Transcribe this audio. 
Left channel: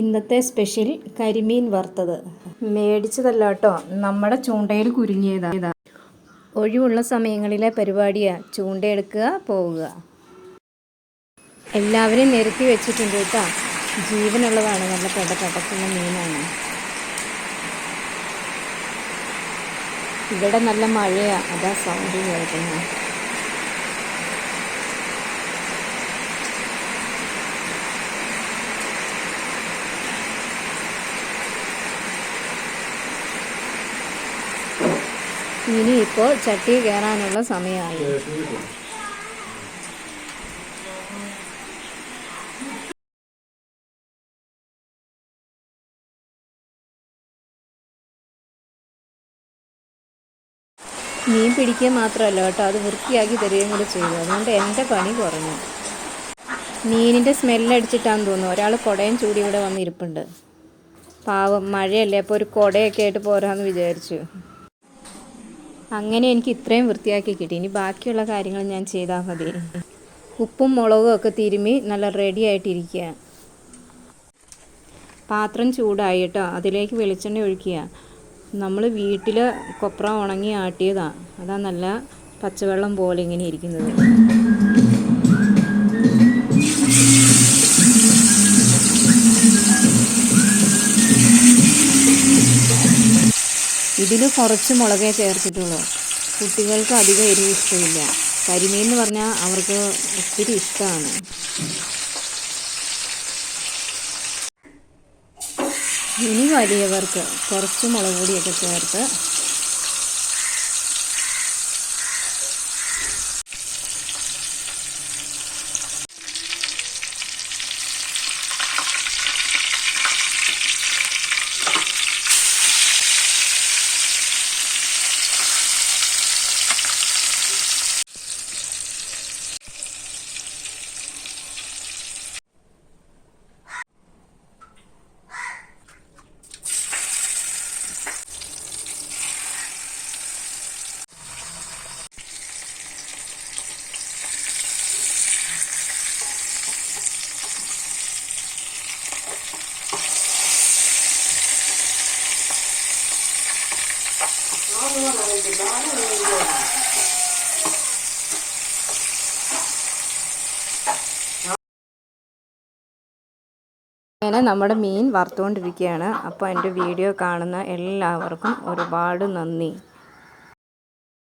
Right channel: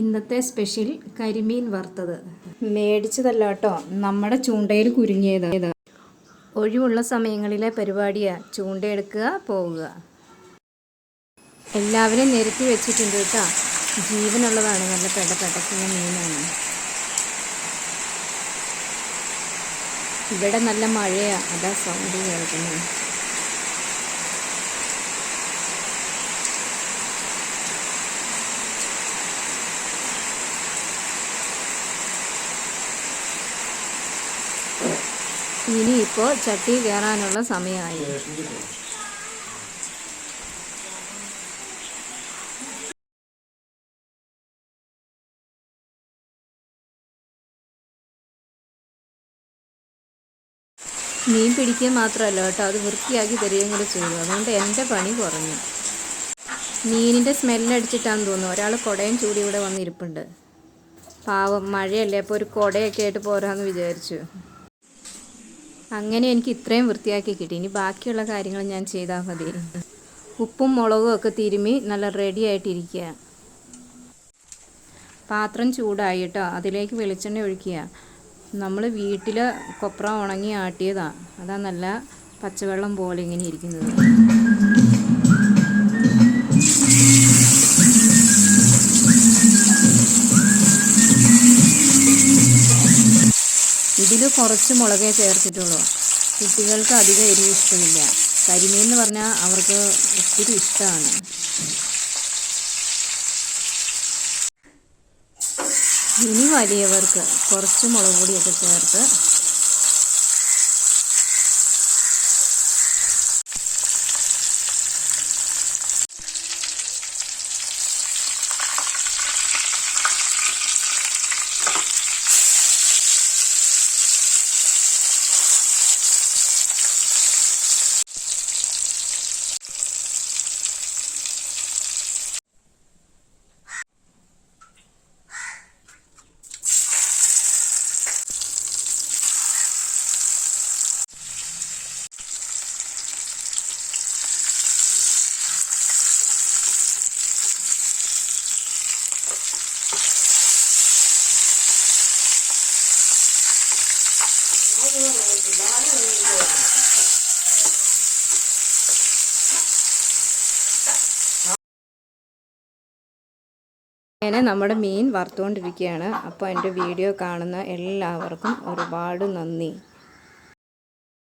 ഇന്നത്തെ സ്പെഷ്യൽ കരിമീൻ വറുത്തത്. മേടിച്ചതല്ല കേട്ടോ, നമ്മുടെ ചൂണ്ടയിൽ കുരുങ്ങിയതാണ്. ഒഴിവുള്ള സമയങ്ങളിലെ പരിപാടിയാണ്. ചൂണ്ടയെടുക്കുക, പോവുക. എല്ലാവരും നിരത്തി വെച്ചിട്ടുണ്ട് കേട്ടോ. ജീവനുള്ളതാണ്, നല്ല പെടക്കുന്ന മീനാണ്. ഇവിടെ നല്ല മഴയാണ്, അതാ സൗണ്ട് കേൾക്കുന്നത്. ഇനിയിപ്പോൾ ചട്ടി കയറാനുള്ള സമയമായി. മീൻ പിടിക്കുക മാത്രമല്ല കേട്ടോ, അത് വൃത്തിയാക്കി തരികയും കൂടി ചെയ്തു. അതുകൊണ്ട് എൻ്റെ പണി കുറഞ്ഞു. മീനിൻ്റെ സ്മെല്ലടിച്ചിട്ടാന്ന് തോന്നുന്നു ഒരാൾ കുടയും ചൂടി ഇവിടെ വന്നിരിപ്പുണ്ട്. പാവം, മഴയല്ലേ, അപ്പോൾ ഒരു കുടയൊക്കെ ആയിട്ട് പോരാന്ന് വിചാരിച്ചു. അങ്ങനെ എനിക്ക് ഇത്രയും വൃത്തിയാക്കി കിട്ടി. ഇനി ബാക്കിയുള്ള കാര്യങ്ങൾ ഞാൻ ചെയ്താൽ മതി. ഉപ്പും മുളകും ഒക്കെ തിരുമ്മി നല്ല റെഡി ആയിട്ടിരിക്കുക. പാത്രം ചൂടായി കേട്ടോ, അതിലേക്ക് വെളിച്ചെണ്ണ ഒഴിക്കുക. നമ്മൾ വീട്ടിൽ കൊപ്ര ഉണങ്ങി ആട്ടിയതാണ്, അതാ നല്ല പച്ചവെള്ളം പോലെ ഇങ്ങനെ ഇരിക്കുന്നത്. ഇതിൽ കുറച്ച് മുളകേ ചേർത്തിട്ടുള്ളൂ. കുട്ടികൾക്ക് അധികം എരിവ് ഇഷ്ടമില്ല. കരിമീൻ എന്ന് പറഞ്ഞാൽ അവർക്ക് ഒത്തിരി ഇഷ്ടമാണ്. ഇനി വലിയവർക്ക് കുറച്ച് മുളക് പൊടിയൊക്കെ ചേർത്ത് അങ്ങനെ നമ്മുടെ മീൻ വറുത്തുകൊണ്ടിരിക്കുകയാണ്. അപ്പോൾ എൻ്റെ വീഡിയോ കാണുന്ന എല്ലാവർക്കും ഒരുപാട് നന്ദി.